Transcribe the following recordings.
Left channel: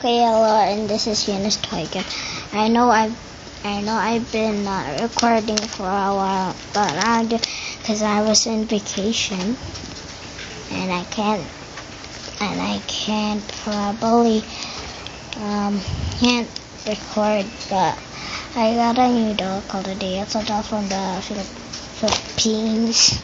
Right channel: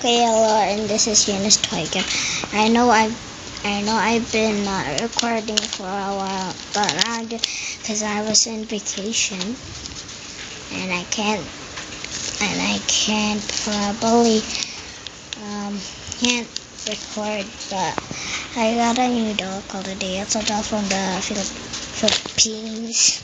Okay, hello, and this is Eunice Toygan. I know I've been recording for a while, but because I was on vacation, and I can't probably can't record, but I got a new doll called a day. It's a doll from the Philippines.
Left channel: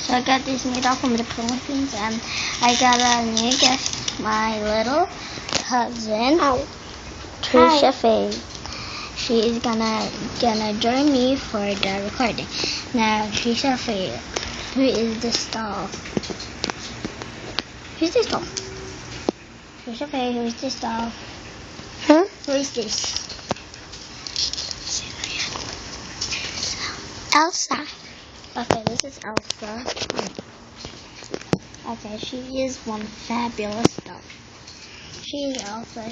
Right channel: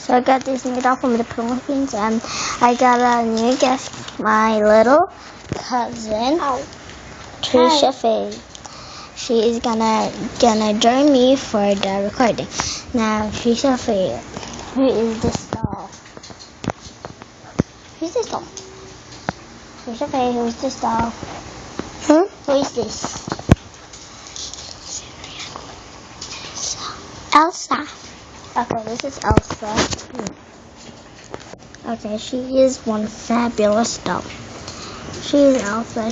So I got this new doll from the Philippines, and I got a new guest, my little cousin, Trisha Faye. She is gonna join me for the recording. Now, Trisha Faye, who is this doll? Who's this doll? Trisha Faye, who is this doll? Huh? Who is this? Elsa. Okay, this is Elsa. Okay, she is one fabulous doll. She is Elsa.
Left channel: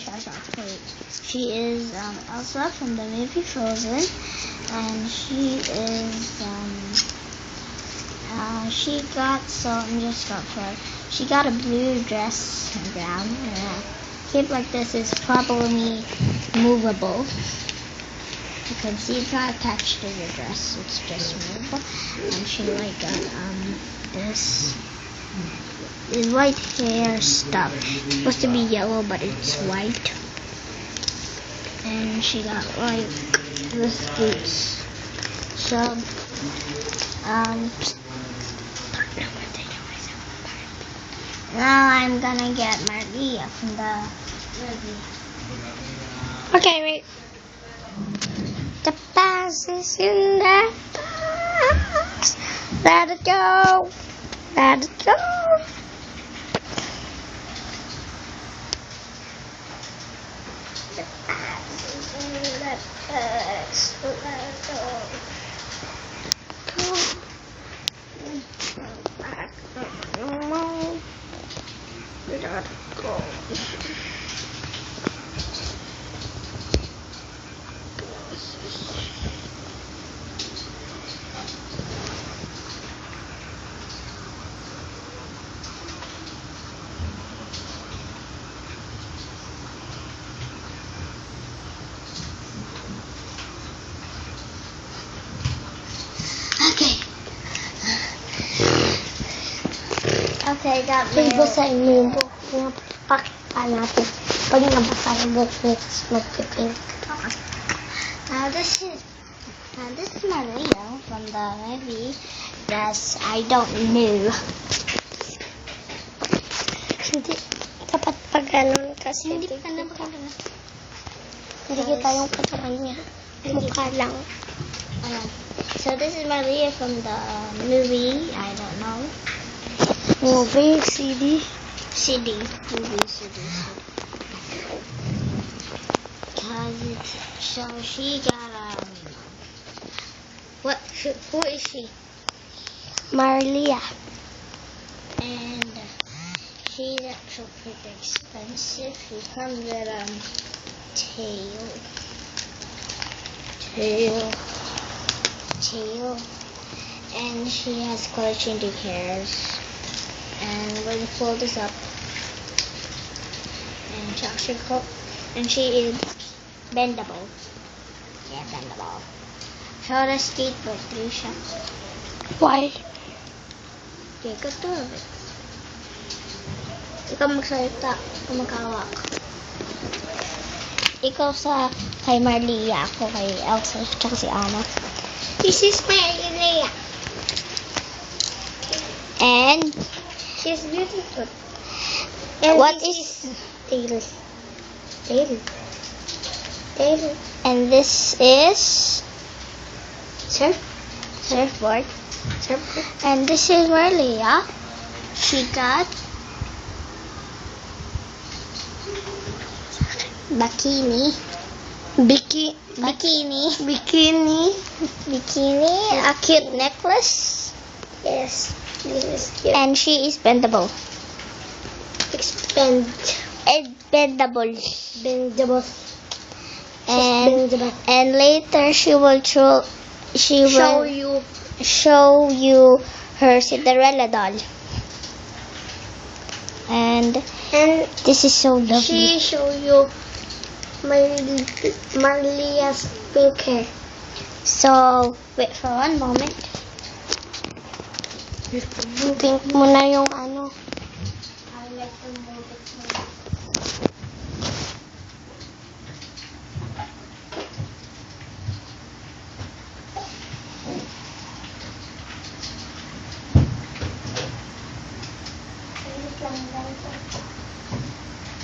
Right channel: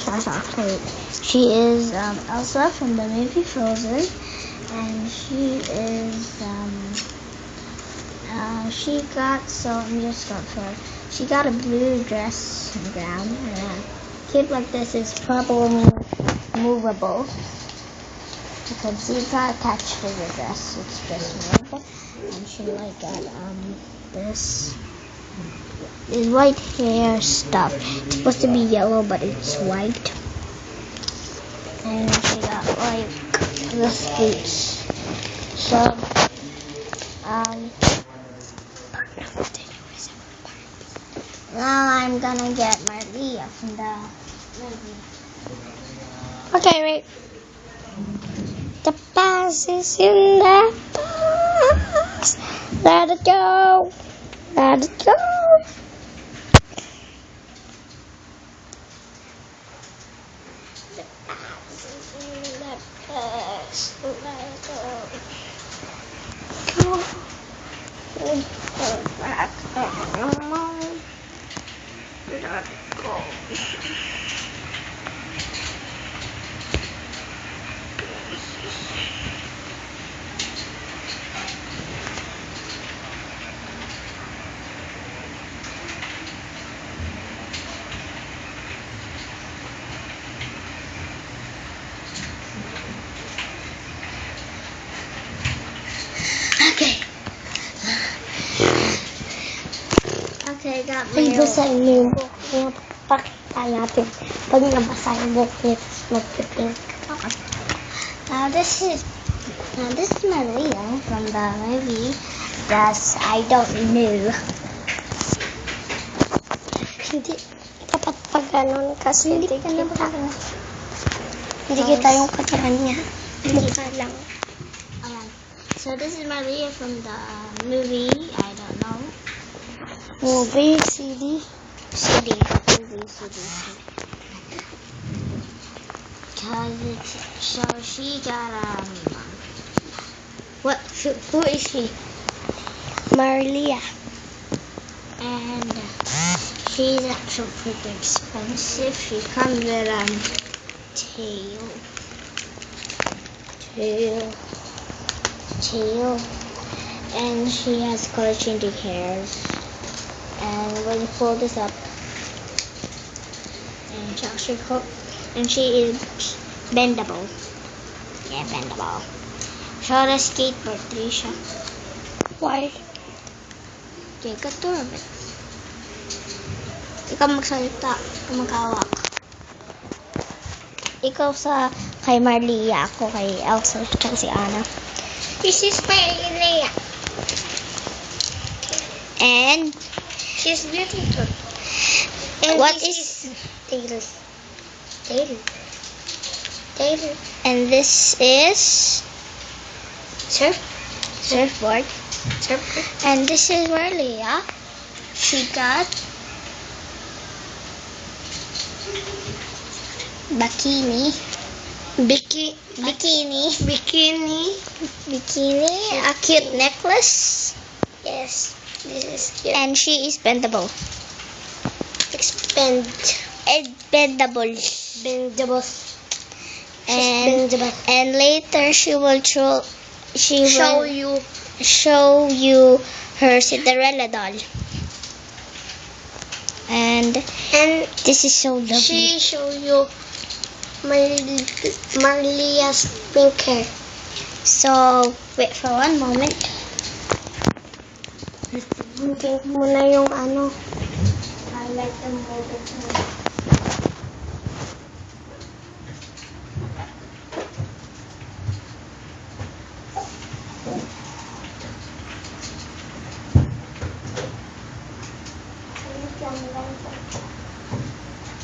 She is Elsa from the movie Frozen, and she got she got a blue dress and gown. And a cape like this is probably movable. You can see it's not attached to the dress, it's just movable. And she got this white hair stuff. It's supposed to be yellow, but it's white. And she got the boots. So now I'm gonna get Maria from the movie. Okay, wait. The past is in the past. Let it go. Let it go. Okay, got Wait, Maria. basahin niyo yung book. Yung pakita natin. Pag nabasahin mo, let's mag-pink. Okay. This is Maria from the movie. Yes, I don't know. Hindi dapat pag ganun kasi hindi kita yung katawan niya. Mukha lang. So this is Maria from the movie. I don't know. Movie, CD. CD. So she got who is she? Marlia. And she's actually pretty expensive. She comes with tail, and she has color changing hairs. And when you pull this up, and she is bendable. Yeah, bendable. Show the skateboard, Trisha. Why? Take a tour of it. Ikaw magsalita, ikaw maghawak. Ikaw sa kay Marlia, ako kay Elsa, tsaka si Anna. This is Marlia. And She's beautiful. what is Taylor. and this is surfboard. And this is Marlia. She got bikini, a cute necklace, Yes, this is cute. and she is bendable. Bendable. And later she will show you show you her Cinderella doll. And this is so lovely. She show you Marlia's pink hair. So, wait for one moment. Pink mo na yung ano. Highlight the moment.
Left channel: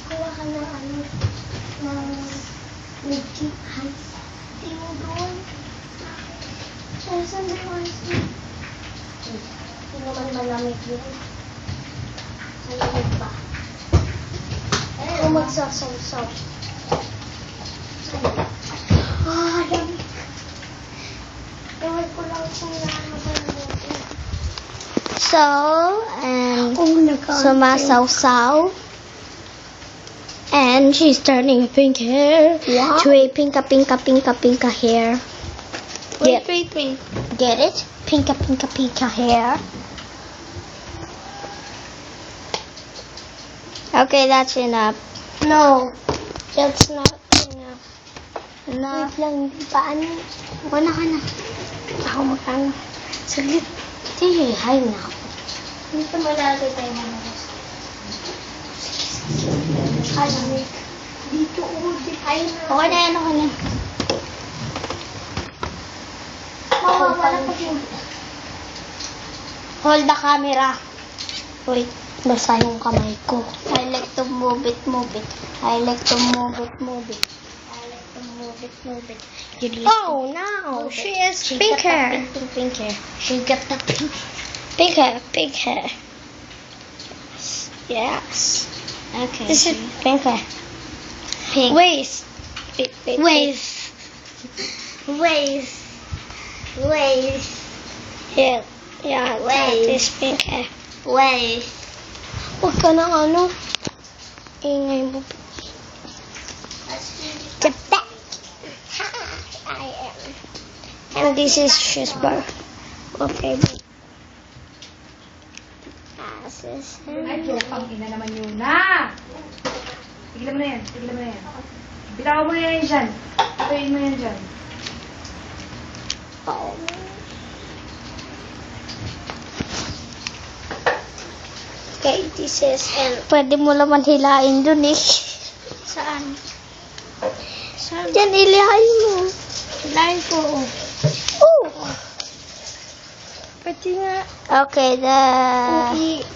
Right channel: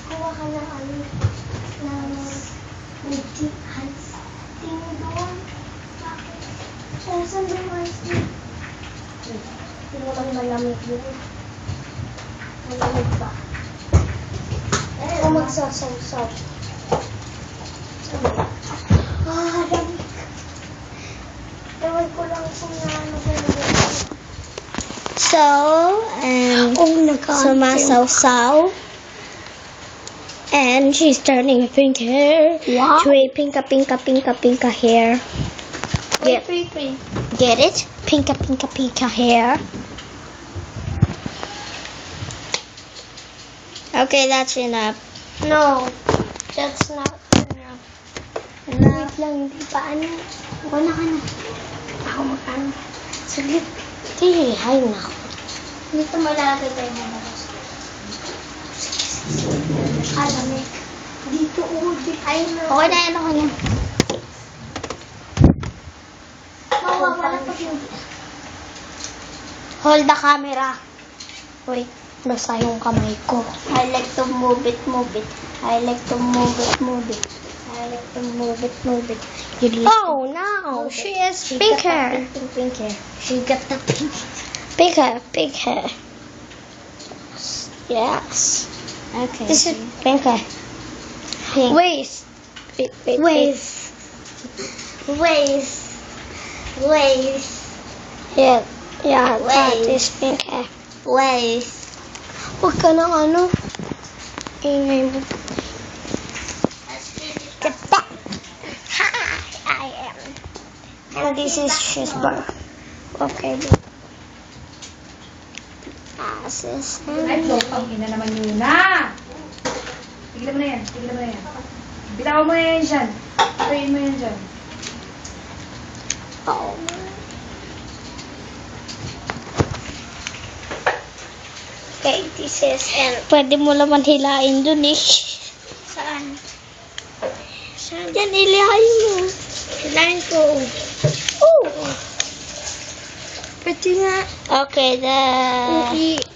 Kuha ka na ano. Ng Mickey Hands. Tingin doon. Saan ba yung ice cream? Hindi naman malamig yun. Malamig ba? Kung magsasaw-saw. Lamig. Ewan ko lang kung naano ba yun. So, sumasaw-saw. And she's turning pink hair Wow. to a pinka hair. Yep. Wait. Get it? Pinka hair. Okay, that's enough. No, that's not enough. Enough. Wait lang, hindi pa ano. Wala ka na. Ako makano. Saglit. Sige, hay na ako. Dito malagay tayo dito. Lamig. Dito, hay na. Okay na yan ako na. Hold the camera. Wait, basa yung kamay ko. I like to move it. I like to move it. I like to move it. You like Oh, now she has She pink got that hair. pink hair. She got that pink hair. Yes. Okay. This is pink hair. pink. Waist. Yeah, that Waist. is pink hair. Waist. Huwag ka na ano. Ingay mo. Get that. Hi, I am. And this is his bar. Okay. Glasses. Ay, ang ina naman yun na! Tigilan mo na yan. Bitawan mo yan dyan. Patayin mo yan dyan. Oh. Okay, this is and Pwede mo naman hilain dun eh. saan? Saan? Yan, hilain mo. Hilahin ko. Oh. Pwede nga. Okay,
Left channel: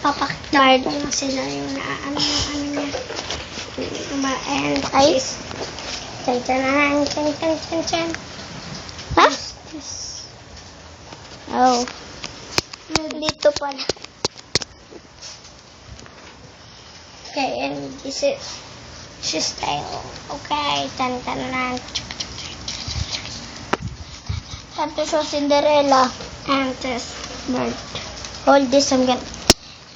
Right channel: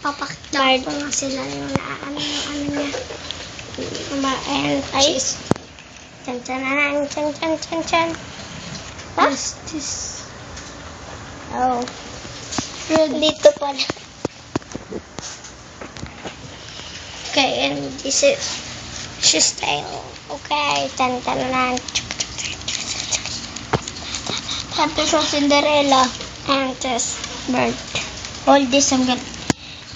Papakita ko nga sila yung ano niya. and Ay. Chan. Huh? What's this? Oh. Dito pala. Okay, and this is she's style. Okay, chan. Tapos sa Cinderella. And this bird. Hold this, I'm gonna...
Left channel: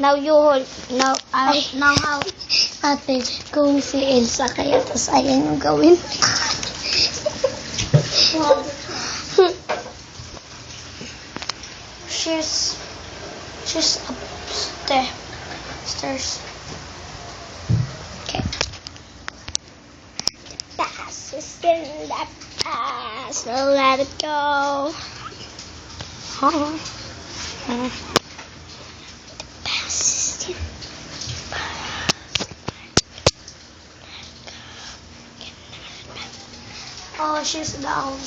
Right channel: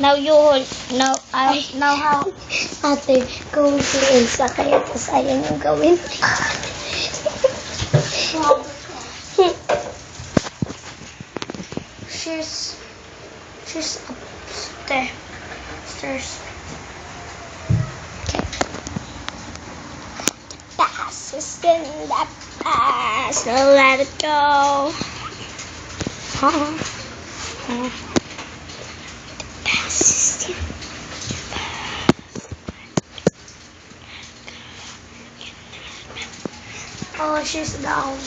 Now you hold. Now how? Ate, kung si Elsa kaya tapos ayaw niyong gawin. She's upstairs. Okay. Pass is in that pass. So let it go. Pass is in Oh, she's down.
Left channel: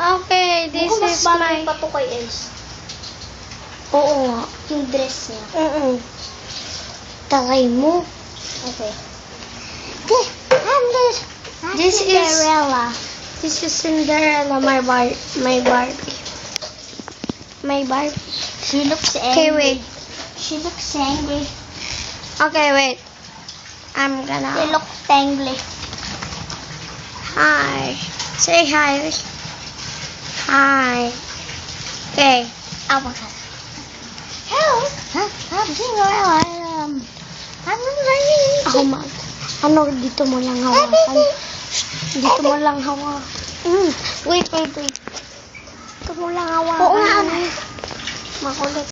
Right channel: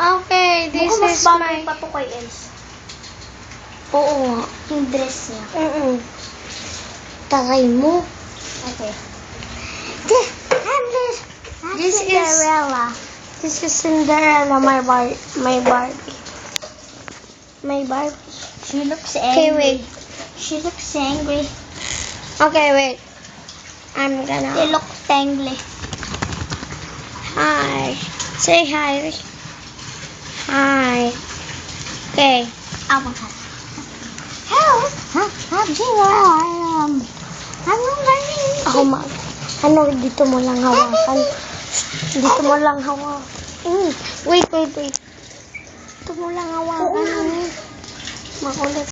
Okay, this Mukhang mas is bagay my... pa to kay Els. Oo nga. Yung dress niya. Tagay mo. Okay. This is- Cinderella. This is Cinderella, my Barbie. My Barbie. She looks Okay, angry. wait. She looks angry. Okay, wait. I'm She gonna... looks angry. Hi. Say hi. Hi. Okay. Oh my god. Hello. I'm Cinderella. I'm going. Ako ano, dito mo lang hawakan. Dito mo lang hawakan. Wait. Ito mo lang hawakan. Oo nga. Makulit.